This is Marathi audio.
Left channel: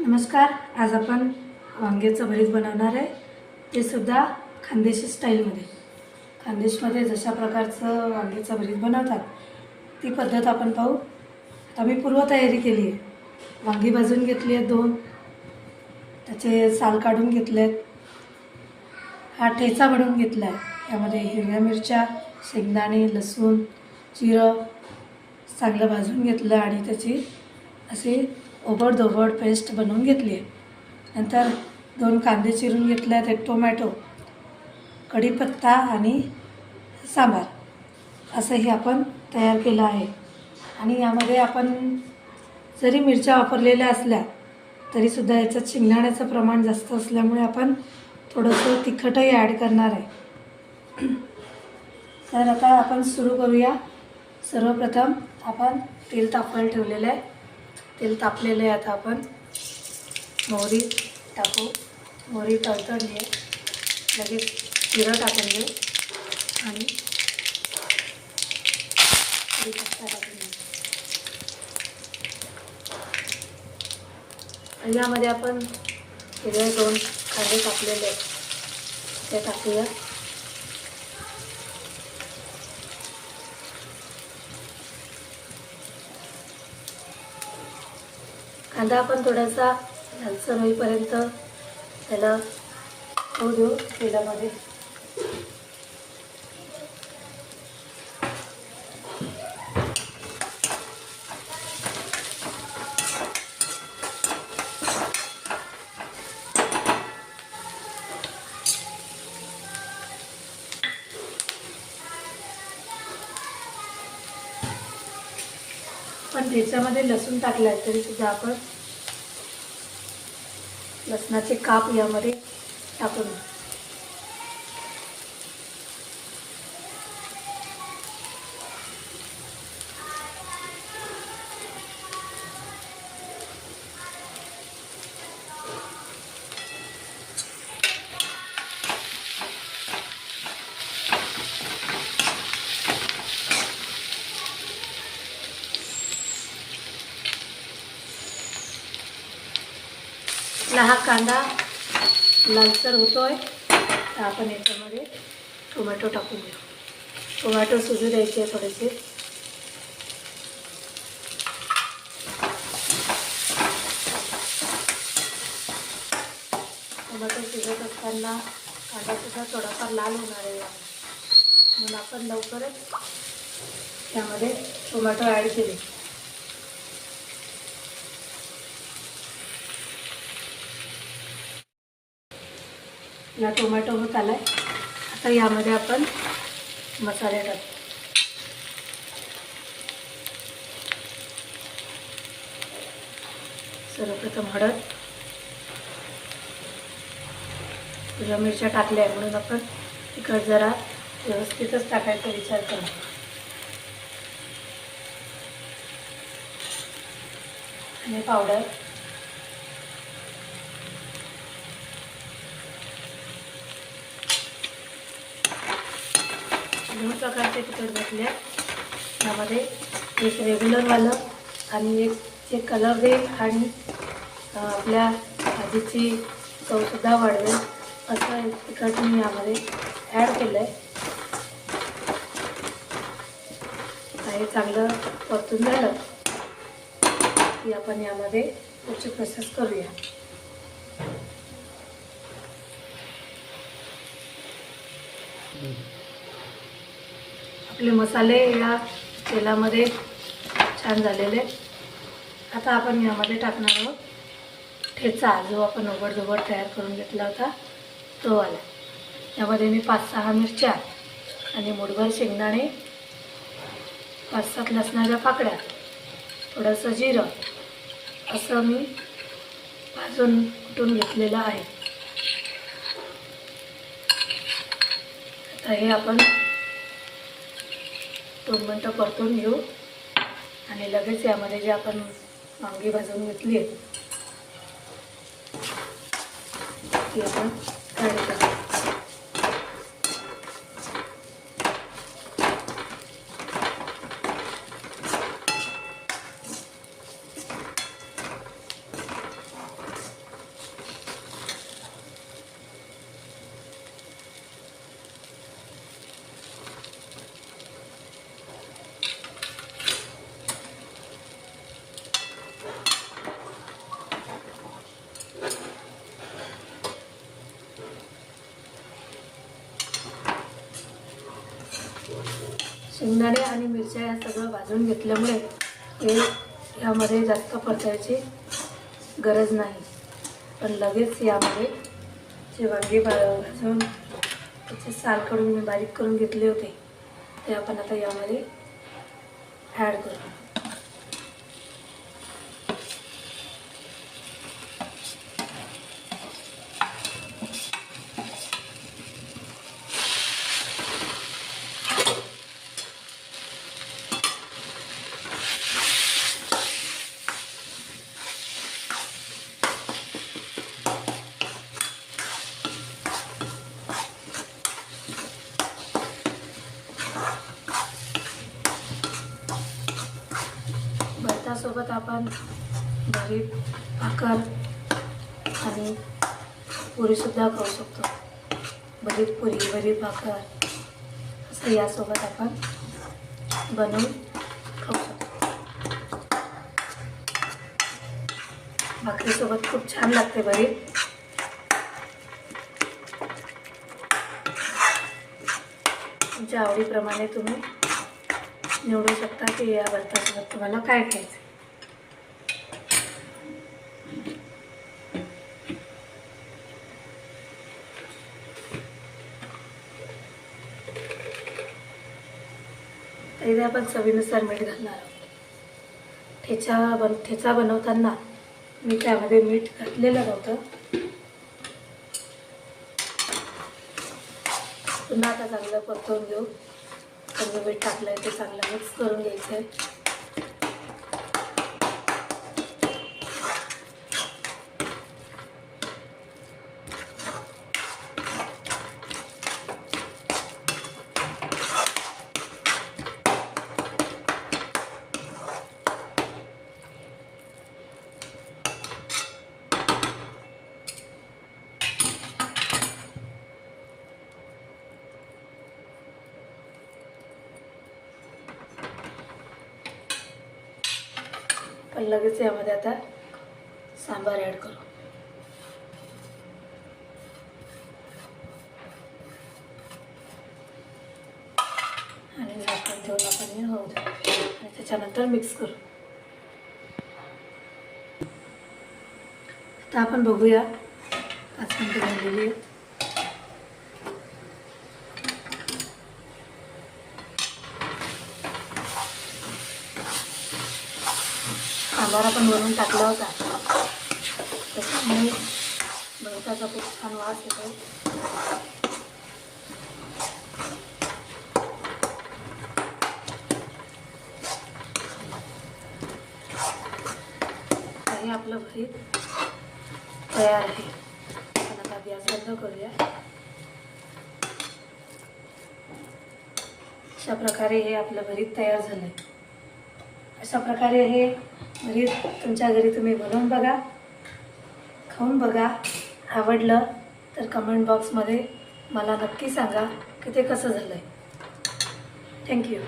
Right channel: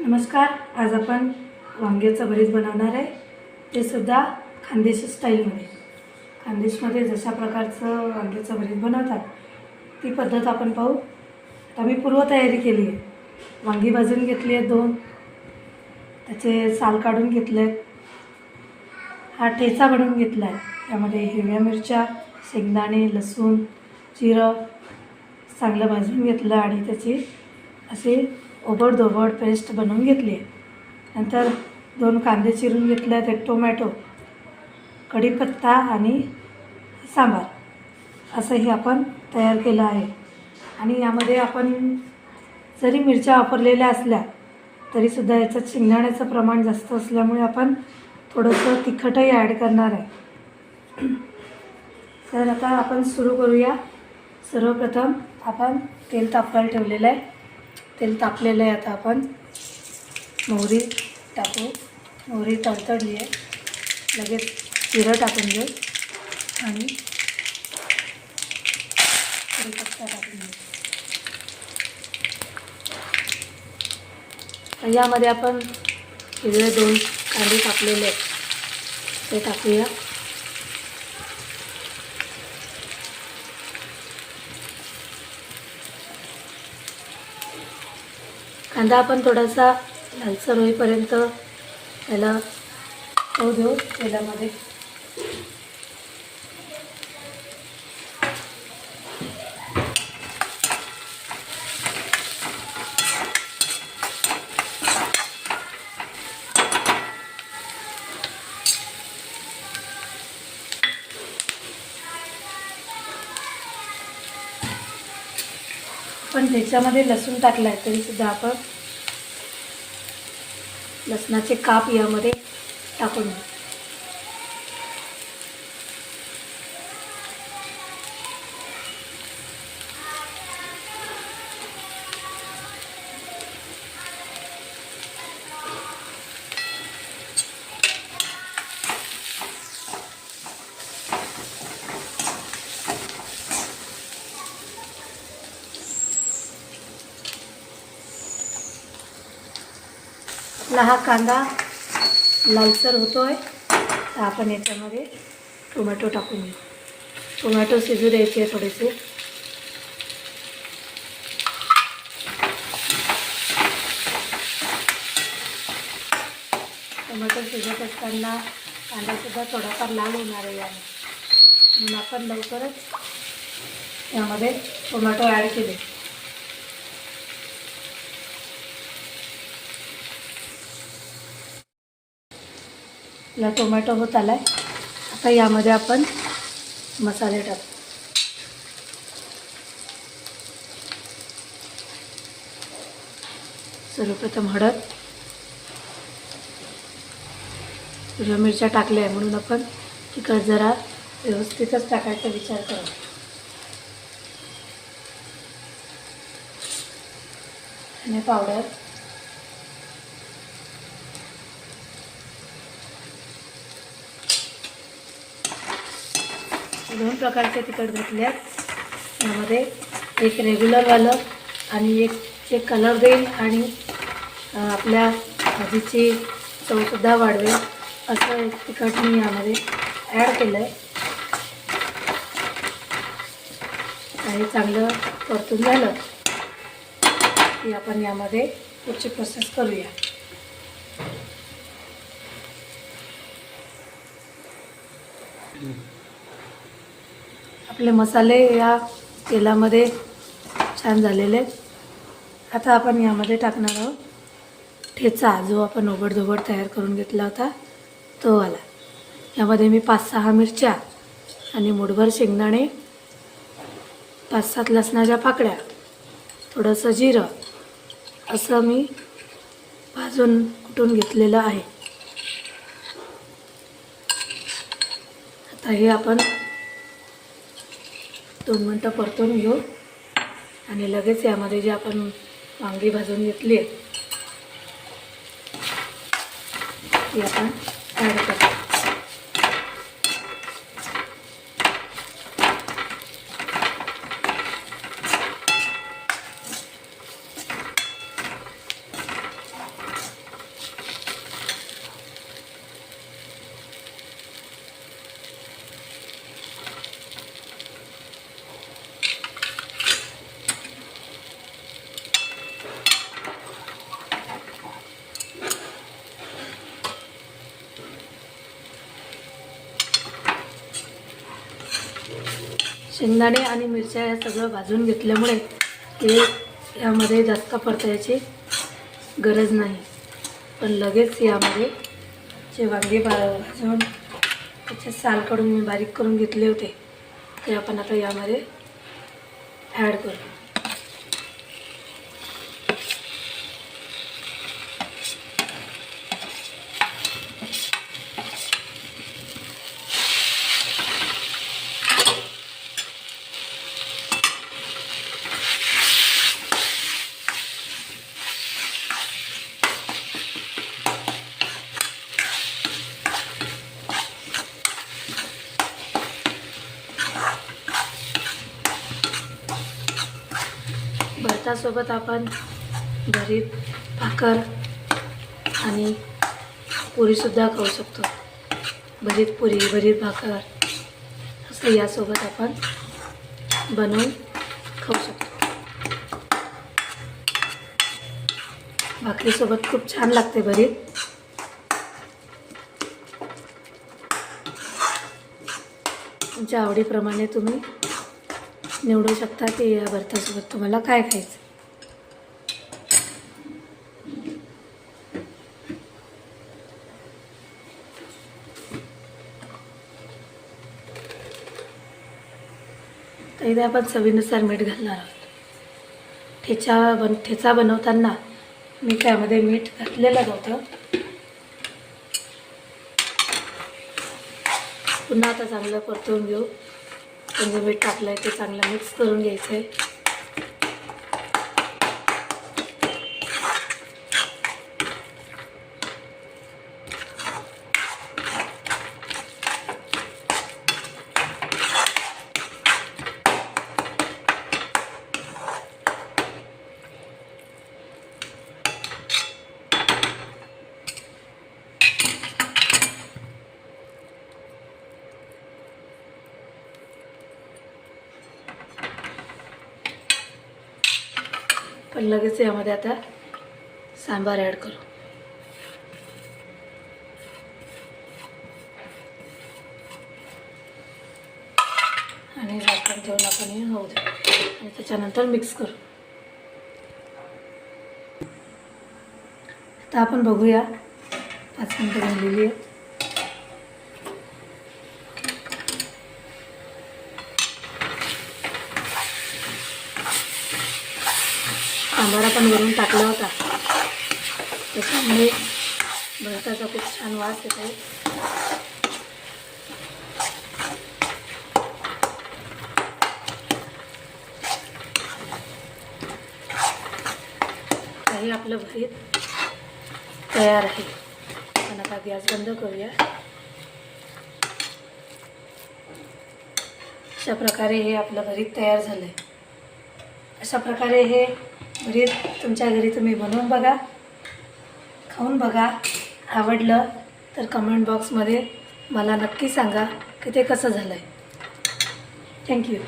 नमस्कार. आज आपण वांग्याचं भरीत बनवणार आहे. ते सुद्धा खानदेशी स्टाईलमध्ये. खानदेशमध्ये जशा प्रकारचं वांग्याचं भरीत बनवतात ती पद्धत आपण पाहू. आता मी पूर्वतयारी केली आहे. वांगी भाजून घेतली आहेत 2, त्याचे साल काढून घेतले आहेत. हा ठेचा बनवून घेतला आहे. यामध्ये हिरव्या मिरच्या, शेंगदाणे, लसूण, जिरं चांगलं भाजून घेतलं आणि त्याची अशी ओबडधोबड पेस्ट बनवून घेतली आहे. नंतर 2 कांदे चिरून घेतले आहेत, 1 टोमॅटो, कढीपत्ता आणि सांबार असंही आपण तयार केलं आहे. आणि यामध्ये आपण जरी मिरच्या वापरलेल्या असल्या तरीसुद्धा याच्यात शेंगदाण्याचं प्रमाण जास्त असल्यामुळे आपण थोडंसं तिखटही ॲड करणार आहे. तर आता आपण सुरू करूया. सर्वप्रथम आपण तेल तापवायला ठेवलेलं आहे. तेल तापलेलं आहे. आता आपण मोहरी टाकू. मोहरी तडतडली आहे. लगेच जिरं टाकून घेऊ आणि कढीपत्ता टाकून घेऊ. यामध्ये आपण हिरवे 2 कांदे कापलेले आहेत ते टाकूया. कांदा आपण थोडासा लालसर होईपर्यंत त्याला होऊ देऊ तेलामध्ये. पण ह्याच्यामध्ये लसूण टाकला आहे तरीसुद्धा आपण लसणाचे काप यामध्ये टाकून घेऊ. हा कांदा लालसर होतोय तर आपण याच्यामध्ये टोमॅटो टाकून घेऊ. टोमॅटो शिजू द्यायचे थोडेसे. टोमॅटो शिजत असताना कांदासुद्धा थोडाफार लाल होणार आहे म्हणून आपण लवकरच यामध्ये टोमॅटो ॲड केले. या टोमॅटो होत आला आहे. आता यामध्ये आपण मसाले टाकू. सर्वप्रथम हळद. हिरव्या मिरच्या टाकल्या आहे म्हणून आपण तिखट जरा व्यवस्थितच टाकायचा विचार करू. धने पावडर, दोन प्रकारचे तिखट घेतले आहेत. यामध्ये एक रेग्युलरवालं आणि एक जे कलर देईल आणि आपल्या भाजीची चवसुद्धा वाढवेल असं एक तिखट मी यामध्ये ॲड केलं आहे. काही चांगलं परतून झालं की आपण यामध्ये पुढची प्रोसेस करूया. आपले मसाले या तेलामध्ये छान झालेले आहेत. आता आपण यामध्ये टाकणार आहोत ठेचा, जो आपण ओबडधोबड तयार करून घेतला होता तो वाला. यामध्ये मी 5-6 मिरच्या आणि मुठभर शेंगदाणे, 5-7 लसणाच्या पाकळ्या, थोडंसं जिरं असं मी भाजून कुटून घेतलेलं आहे. आता हे आपण 2 मिनटं परतून घेऊ आणि लगेच यामध्ये जे आपण वांगी भाजून घेतली आहेत ती आपण ॲड करू. शेंगदाणे आणि मिरच्या या सगळं भाजून घेतल्यामुळे हे यामध्ये जास्त परतायची गरज नाही. पण लगेच यामध्ये जे वांगे भाजून त्याचे साल काढून मी बारीक करून घेतले होते ते आपण आता यामध्ये ॲड करू. भातासोबत आपण भरीत भाकर आणि पुरीसुद्धा खाऊ शकतो. भरीत पुरी, भरीत भाकर असं यासोबत आपण बनवून खाऊ शकतो. भाकरीसोबत खूप छान लागते भरीत. तुमच्या आवडीप्रमाणे तुम्ही निवडू शकता की या भरतासोबत तुम्हाला काय खायचं. तर इथे आपण चवीनुसार मीठ घालणार आहोत. ठेचा बनवताना मी त्यामध्ये मीठ घातलेलं नव्हतं. पुन्हा आता चांगलं परतवून घेऊ. पण जे मीठ टाकलं आहे ते चांगलं मिक्स करून घ्यायचं आहे. पण लगेच यामध्ये आता सांबार ॲड करू. आणि झाकण ठेवून आपण हे होऊ दे आणि त्याच्यानंतर मिक्स करू. आता आपण बघूया 5 मिनिटं झालेली आहेत. सांबार आपण वरून टाकला होता त्याच्यामुळे भरताचा खूप छान वास येतो. हे आपलं भरीत तयार आहे. आपण आता गॅस बंद करूया. अशा प्रकारे हे आपलं भरीत तयार झालं आहे. अशा प्रकारे हे भरीत तुमच्या घरी तुम्ही बनवून बघा, खाऊन बघा. आवडलं तर कमेंट बॉक्समध्ये मला नक्की सांगा की ते कसं झालं आहे. थँक्यू.